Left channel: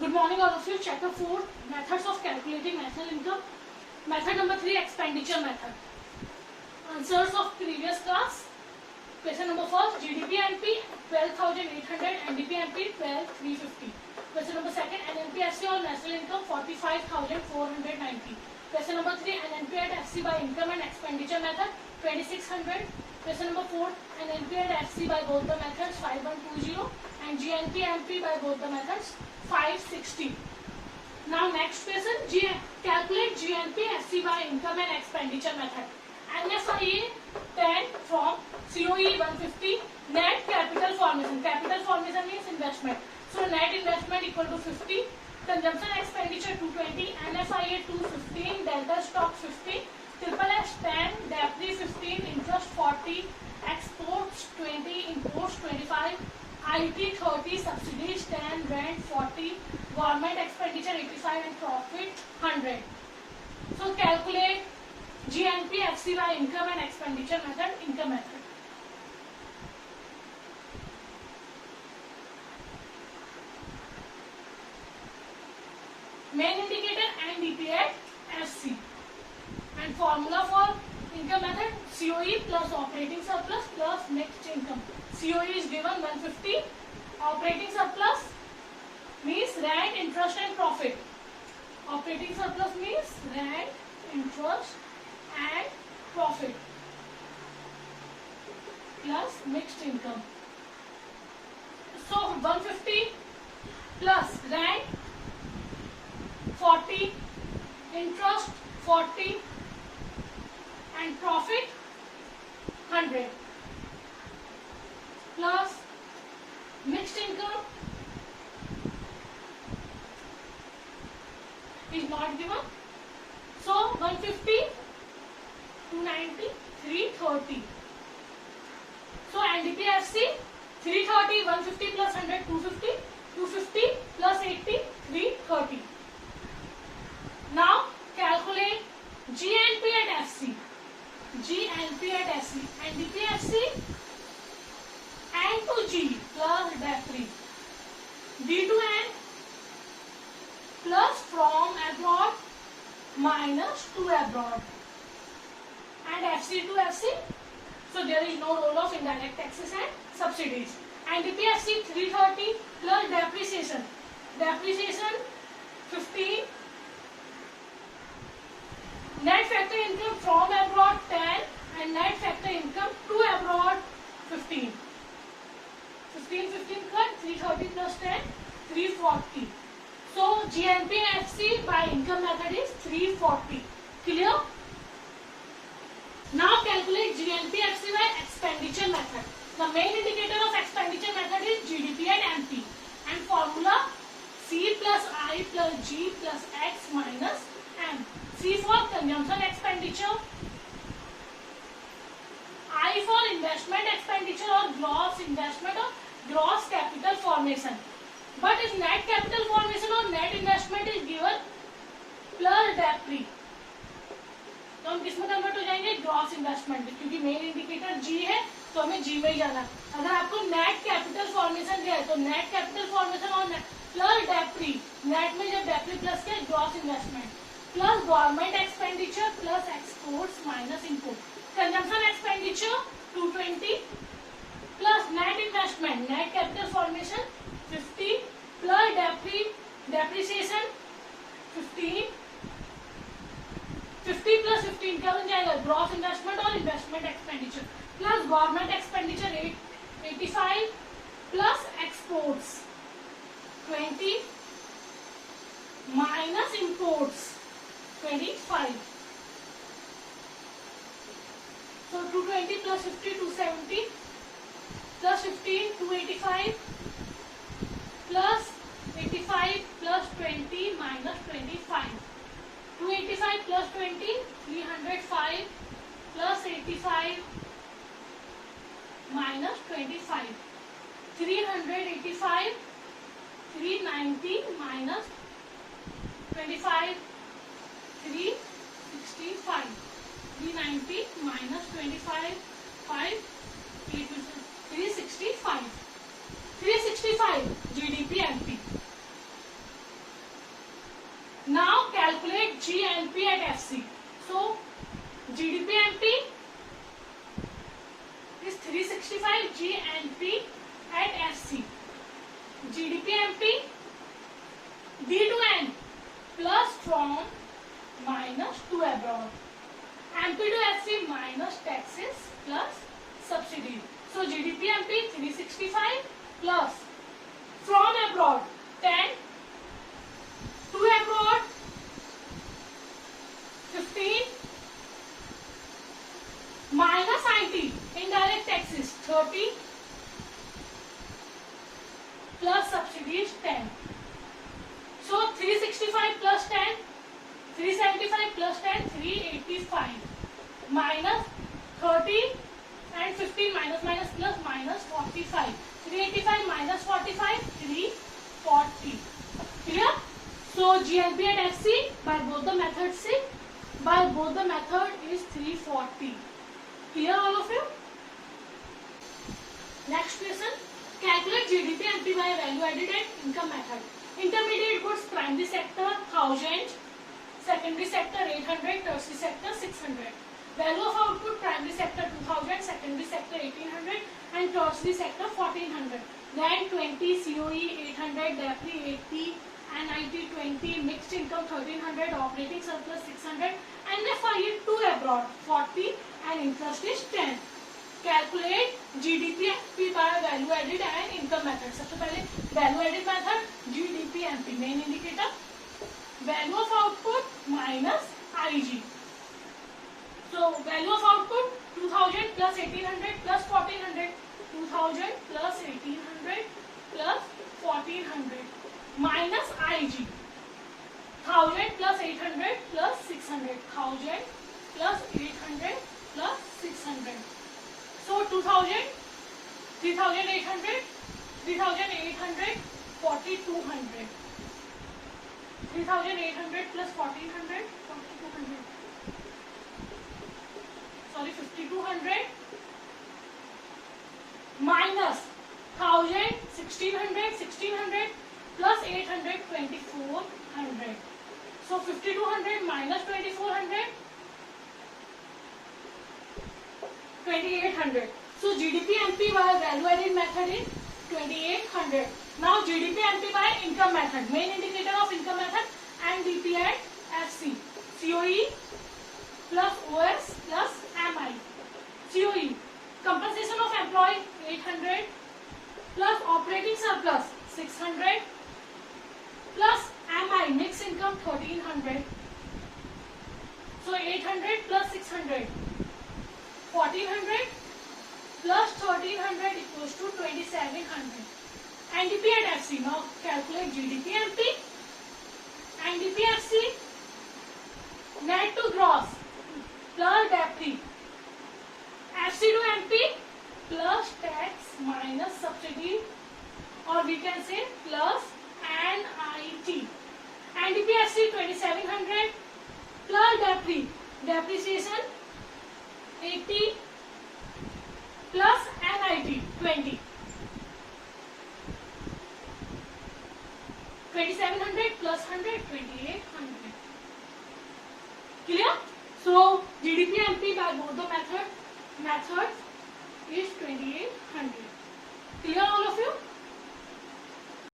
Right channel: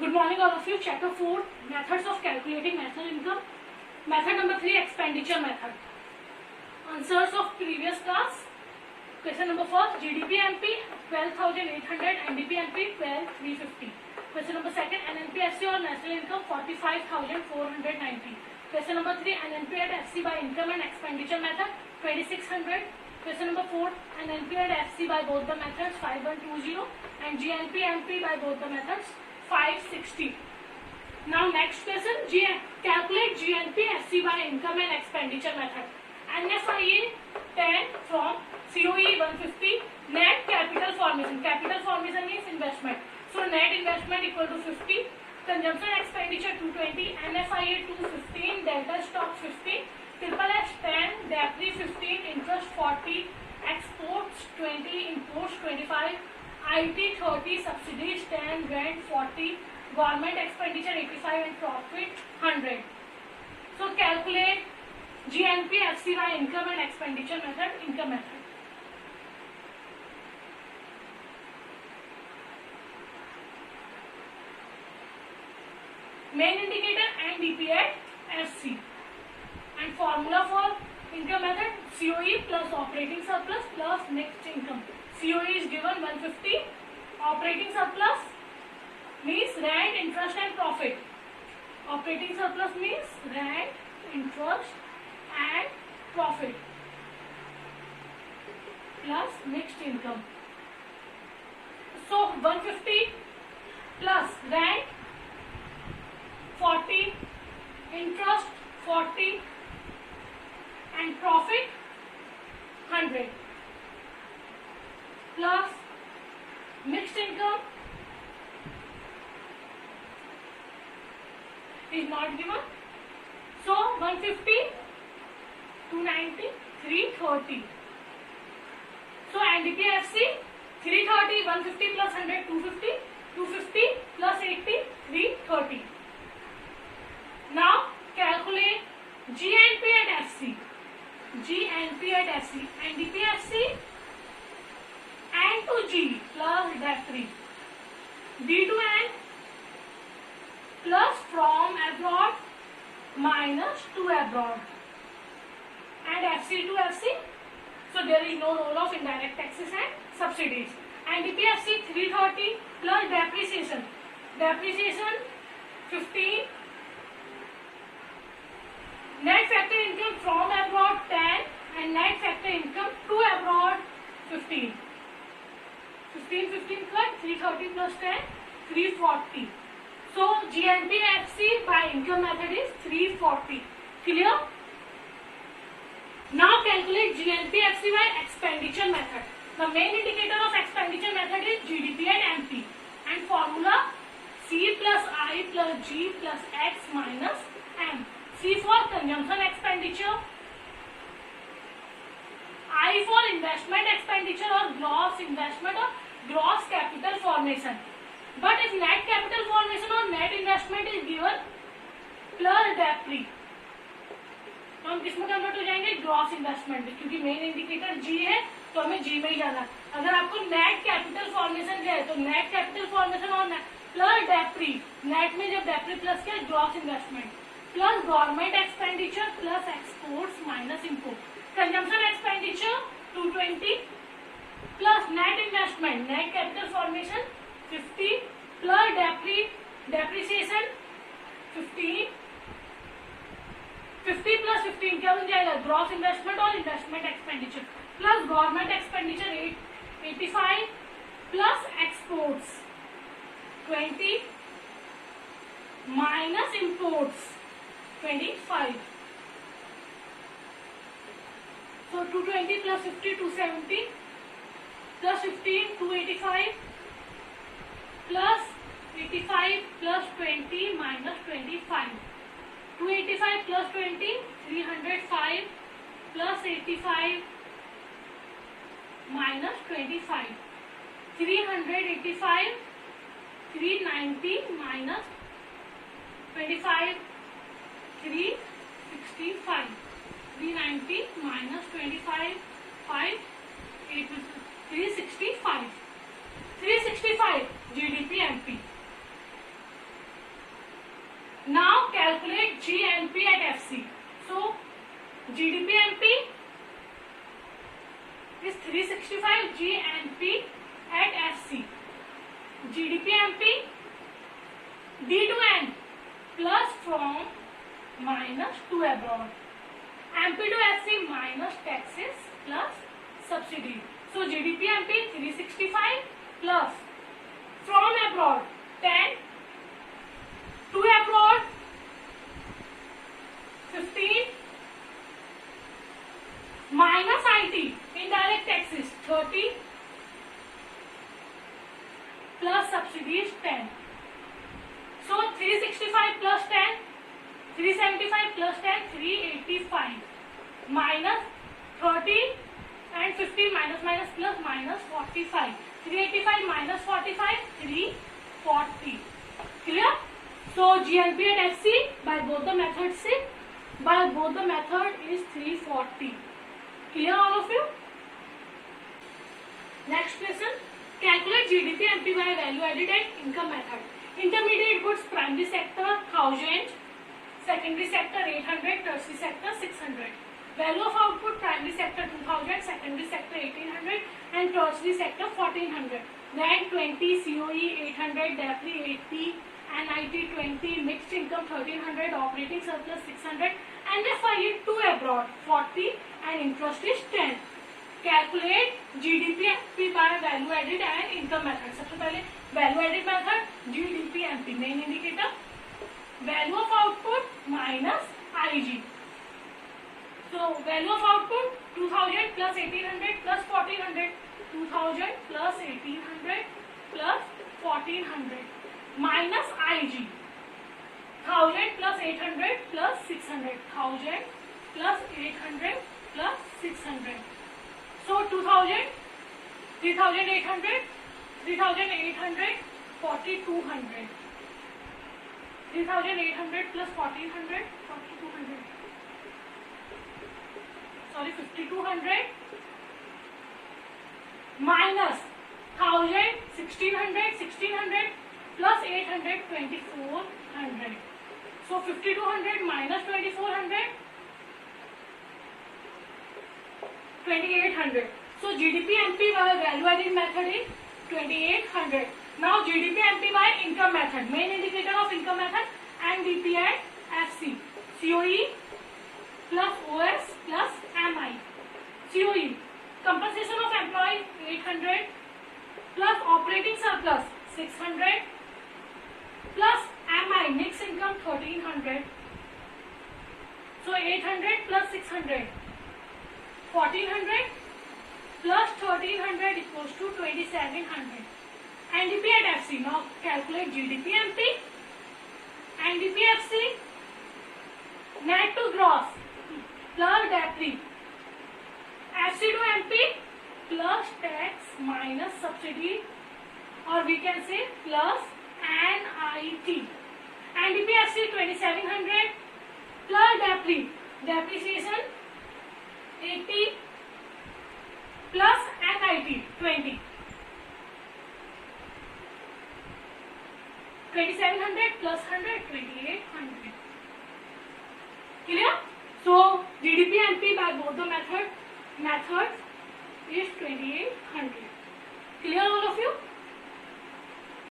Good morning all of you. Chapter 4, methods of calculating national income. Method number 3, expenditure method. Answers of previous class. Question number 1, GDP MP 12,800, NDP MP 12,350. Question number 2, NNP-FC or national income 45,490. Question number 3, NNP and FC by income and expenditure method 2600. Question number 4, NNP and FC by both the methods 5120 and GNP MP by both the methods 560. Now next question, calculate GNP FC by income and expenditure method. NFIA 10 from COE 150. Net capital formation. Capital formation means investment. So net investment equal to 50. Consumption expenditure 220. NFIA 215. Delta stock 50. Triple S 10. Debris 15. Interest 40. Exports 20. Imports 25. IT 30, subsidies 10, rent 40, government expenditure 85 and profit 100. So calculate GNP FC by income and expenditure method, income method. Main indicator and DP at FC. And formula for income method, COE plus operating surplus plus mixed income. COE is given 150. Operating surplus means rent, interest and profit. Operating surplus means rent, interest and profit plus mixed income. So 150 plus rent 40, interest 40 and profit 100 plus mixed income is not given. So 150, 290, 330. So NDP-FC 330, 150 plus 100, 250, 250 plus 80, 330. Now calculate GNP and FC. GNP and FC. NDP-FC N to G plus debris, D to N plus from abroad minus to abroad, and FC to FC. So there is no role of indirect taxes and subsidies. NDP-FC 330 plus depreciation. Depreciation 15. Net factor income from abroad 10 and net factor income to abroad 15. 15 cut 330 plus 10 340. So GNP-FC by income method is 340. Clear? Now calculate GNP-FC by expenditure method. The main indicator of expenditure method is GDP and MP, and formula C plus I plus G plus X minus M. C for consumption expenditure, I for investment expenditure or gross investment or gross capital formation. But if net capital formation or net investment is given plus debris, तो हम किसमें convert हो जाएंगे? Gross investment, क्योंकि main indicator जी है तो हमें जी में ही जाना है. अगर आपको नेट कैपिटल फॉर्मेशन क्या है तो नेट कैपिटल फॉर्मेशन और प्लस डेप्री, नेट में जब डेप्री प्लस क्या gross investment plus government expenditure plus exports minus import. Consumption expenditure 220 plus net investment net capital formation 50 plus depreciation 15. 50 plus 15 क्या बन जाएगा? ग्रॉस इन्वेस्टमेंट और investment expenditure plus government expenditure 85 plus exports 20 minus imports 25. So 220 plus 50 270 plus 15 285 plus 85 plus 20 minus 25. 285 plus 20 305 plus 85 minus 25. 385 390 minus 25 365. 390 minus 25 5 8 365. 365 GDP MP. Now calculate GNP at FC. So GDP-MP is 365, GNP at FC. GDP-MP D to N plus from minus to abroad. MP to FC minus taxes plus subsidy. So GDP-MP 365 plus from abroad 10, to abroad 15, minus IT indirect taxes 30 plus subsidy is 10. So 365 plus 10, 375 plus 10, 385 minus 30 and 15 minus minus plus minus 45. 385 minus 45, 340. Clear? So GNP and FC by both the methods is 340. Clear all of you? Next question. Calculate GDP-MP by value added and income method. Intermediate goods primary sector 1000, secondary sector 800, tertiary sector 600. Value of output primary sector 2000, secondary sector 1800 and tertiary sector 1400. Then 20, COE 800, DAPRI 80, NIT 20, mixed income 1300, operating surplus 600 and FIE 2 abroad 40 and interest is 10. Calculate GDP-MP by value added and income method. सबसे पहले value added method GDP-MP main indicator, value of output minus IG. So value of output 2000 plus 1800 plus 1400, 2000 plus 1800 plus 1400 minus IG, 1000 plus 800 plus 600, 1000 plus 800 plus 600. So 2000, 3800, 3800, 4200. 3800 plus 1400, 4200. Sorry, 5200 minus 1000, 1600, 1600 plus 800, 2400. So 5200 minus 2400, 2800. So GDP-MP by value added method is 2800. Now GDP-MP by income method. Main indicator of income method NDP and FC. COE plus OS plus MI. COE compensation of employee 800 plus operating surplus 600 plus MI mixed income 1300. So 800 plus 600. 1400 plus 1300 equals to 2700. NDP and FC. Now calculate GDP-MP. NDP-FC net to gross plus DAPRI. FC to MP plus tax minus subsidy, or we can say plus NIT. NDP-FC 2700 plus DAPRI. Depreciation 80 plus NIT 20. 2700 plus 100, 2800. Clear? So GDP-MP by both the methods is 2800. Clear all of you?